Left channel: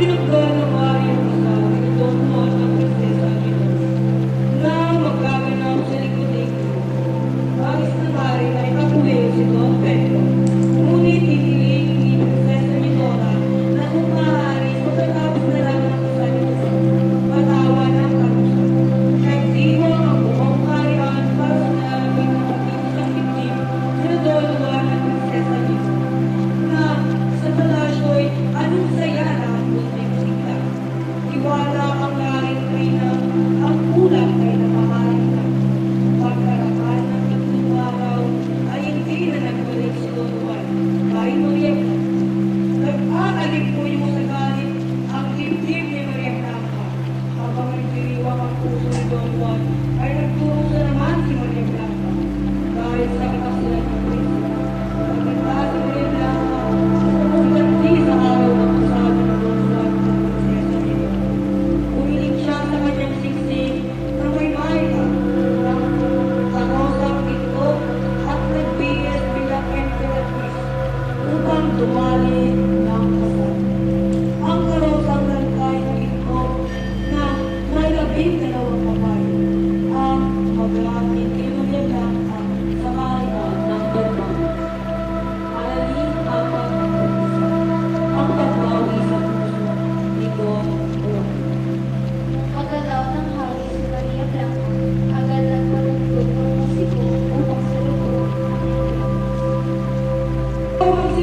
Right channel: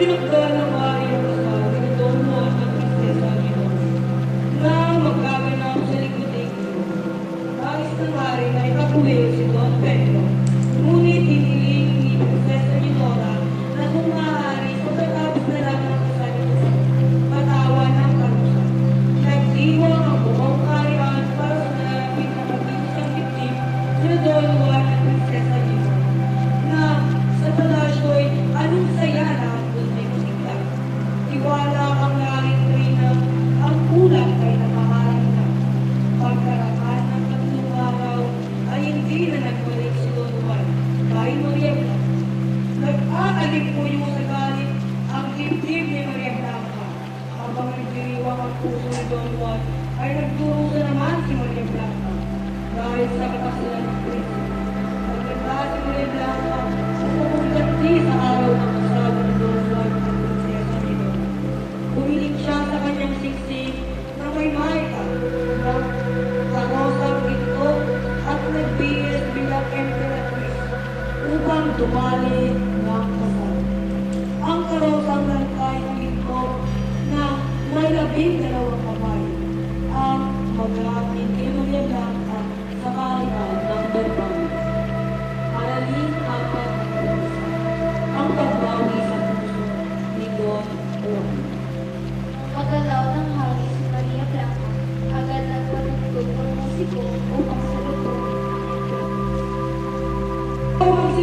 Pinagdala ng ayong kapag itong mga kapitid sa Pinoon na magkaganap sa likod ng Diyos. Nais na tayo ay kapuhin Tijuana, 160 na may maita ng pangosang ito at nag-BS bilang MPLS upang dumali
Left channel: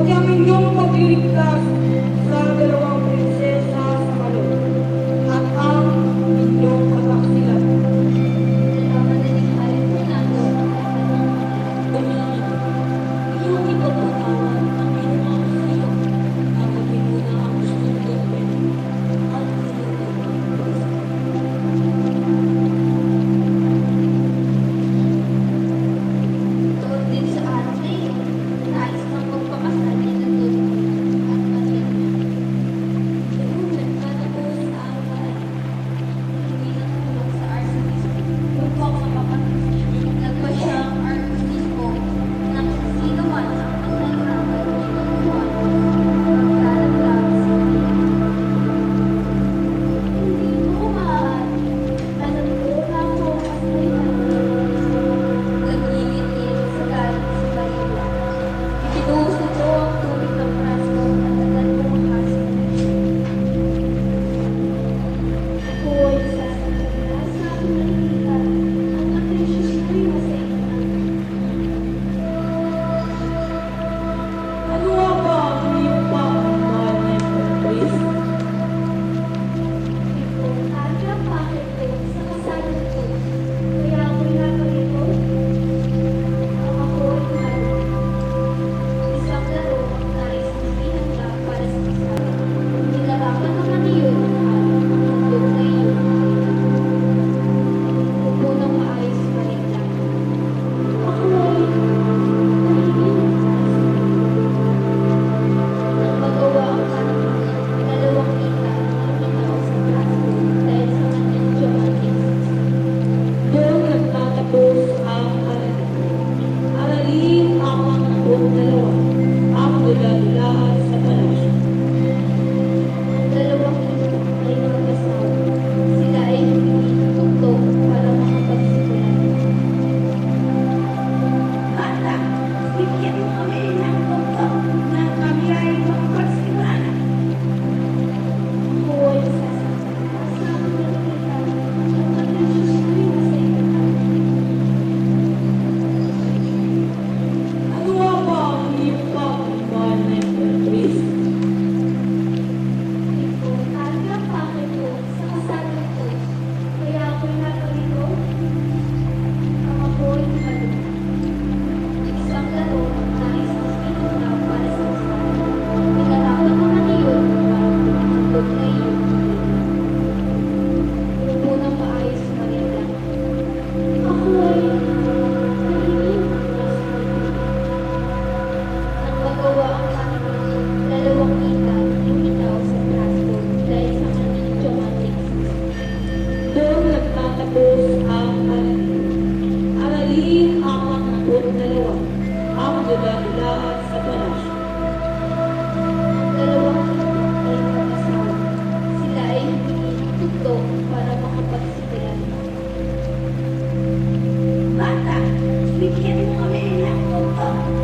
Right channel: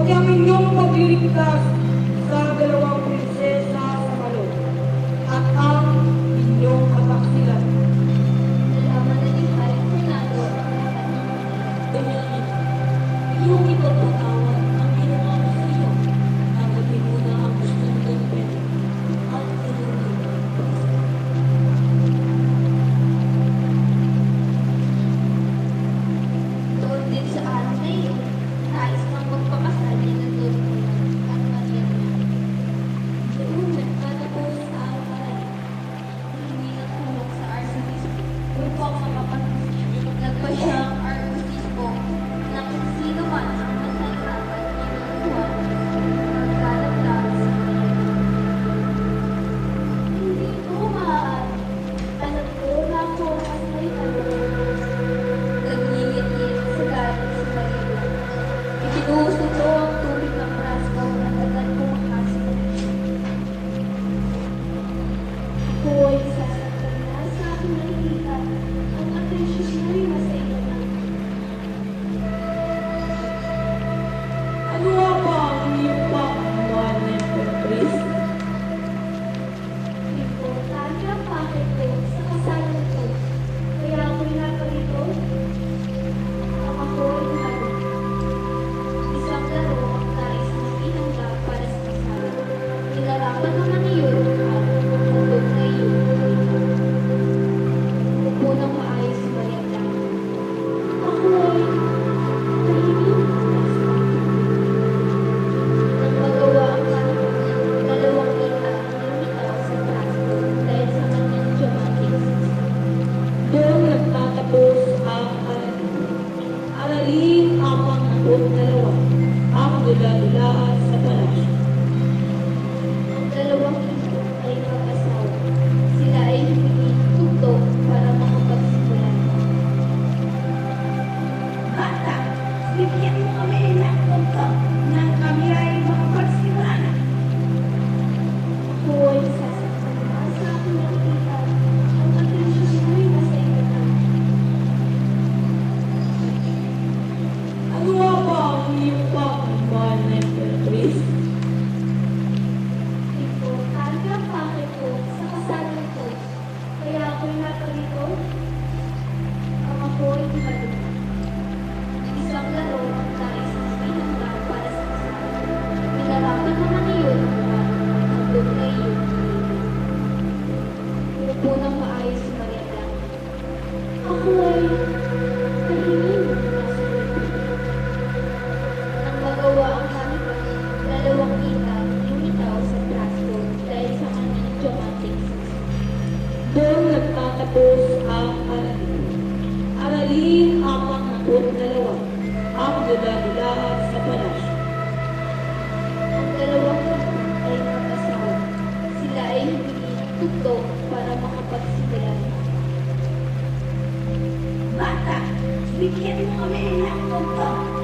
Huwag ang inyong pagliligtas sa dalawang natapos ang aralin. Aralin ang pangakot dalawa, ang dula-dulaan sa palasyo. Ang dalawang naman ay mag-asawa. Sila ay humingi ng para makapagsigalan. Bata, bigyan mo kami ng tugtog.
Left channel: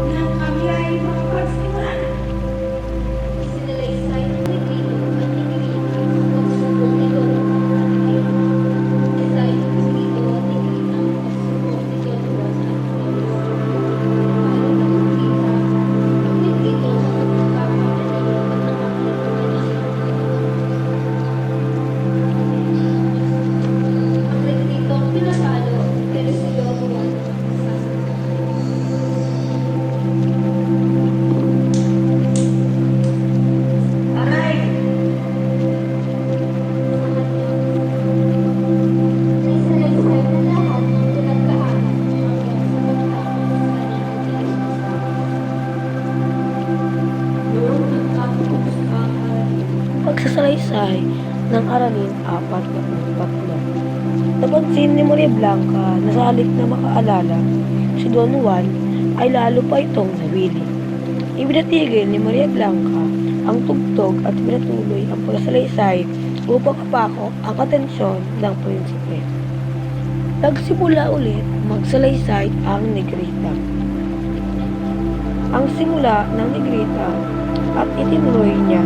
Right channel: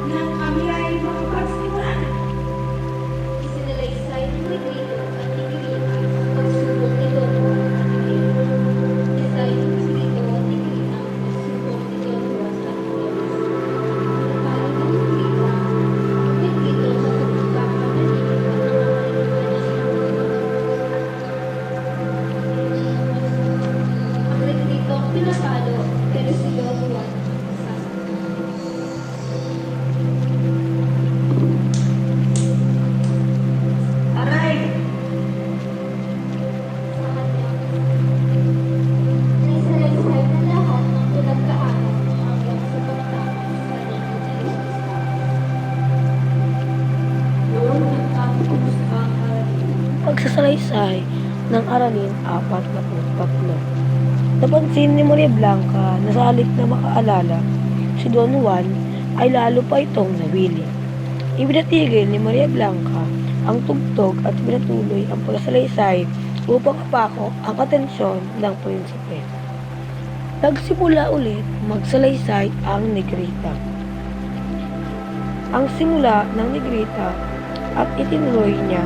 Pagsasalaysay ng Aralin 43. Napansin ni Maria Blanca na sa halip na makaalala, si Don Juan ay lalo pa itong nawili. Ibinatigil ni Maria Blanca ang tugtog at pinatuloy ang pagsasalaysay upang kapako ang atensyon ng prinsipe. Nagsimula ulit magsalaysay ang Negrita. Ang simula ng Negrita at itinuloy niya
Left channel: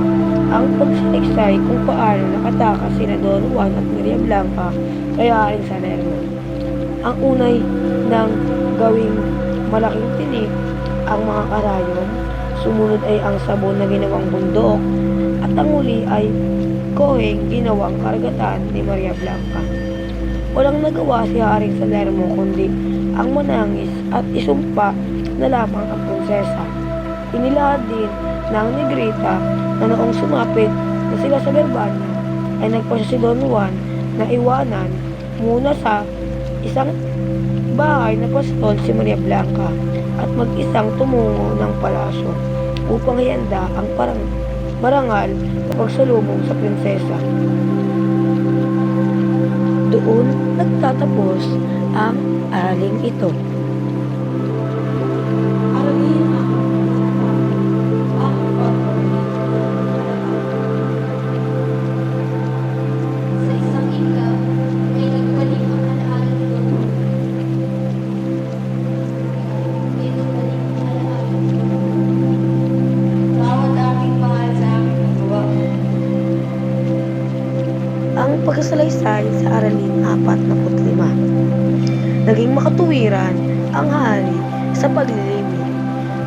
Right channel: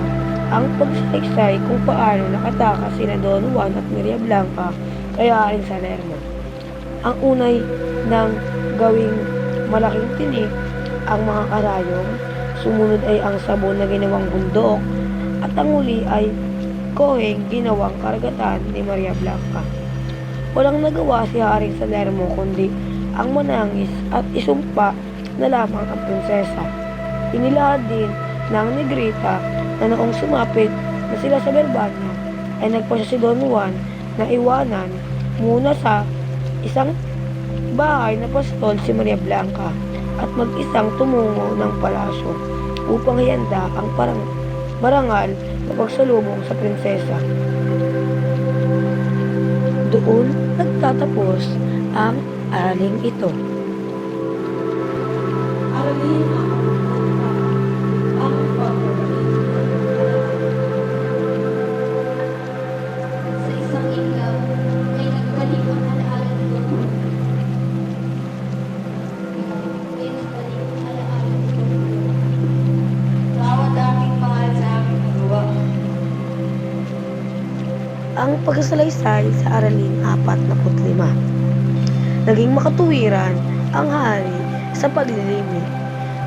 ang pagsalaysay kung paano nakatakas sina Don Juan at Maria Blanca kay Haring Salerno. Ang unay ng gawing malaking tinik ang mga karayom, sumunod ay ang sabon na ginawang bundok, at ang huli ay koheng ginawang karagatan ni Maria Blanca. Walang nagawa si Haring Salermo kundi ang manangis at isumpa na lamang ang prinsesa. Inilahad din ng Negrita na noong sumapit na sila sa Berbanya ay nagpasya si Don Juan na iwanan muna sa isang bahay na pastol si Maria Blanca at mag-isang tumungo ng palasyo upang hiyanda ang parang marangal na pagsalubong sa prinsesa. Doon nagtatapos ang aling ito. Ang pagsasalaysay sa Aralin 45. Naging makatuwiran ang hari sa paglilimik.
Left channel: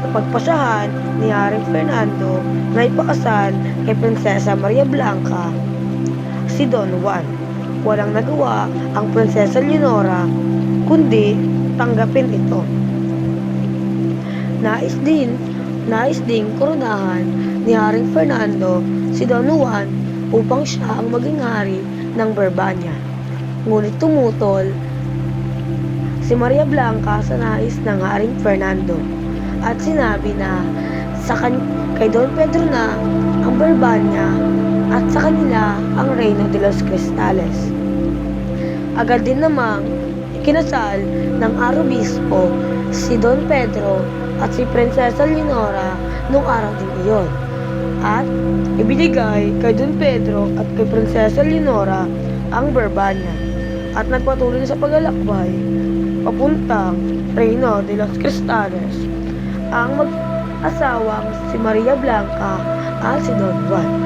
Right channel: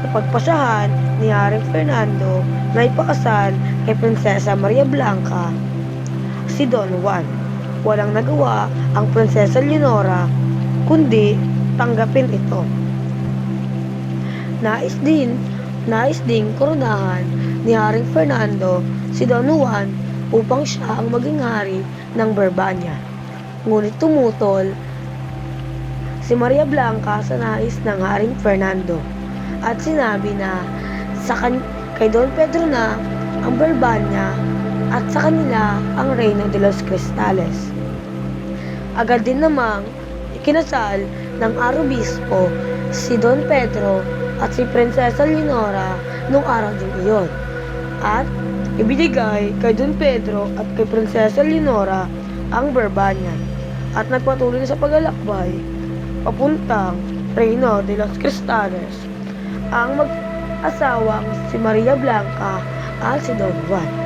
Napagpasyahan ni Haring Fernando na ipakasal kay Prinsesa Maria Blanca si Don Juan. Walang nagawa ang Prinsesa Leonora kundi tanggapin ito. Nais din, nais ding koronahan ni Haring Fernando si Don Juan upang siya ang maging hari ng Berbanya. Ngunit tumutol si Maria Blanca sa nais ng Haring Fernando at sinabi na sa kan kay Don Pedro na ang Berbanya at sa kanila ang Reino de los Cristales. Agad din namang ikinasal ng Arobispo si Don Pedro at si Prinsesa Leonora nung araw din iyon. At ibinigay kay Don Pedro at kay Prinsesa Leonora ang Berbanya at nagpatuloy na sa paglalakbay papuntang Reino de los Cristales ang mag-asawang si Maria Blanca at si Don Juan.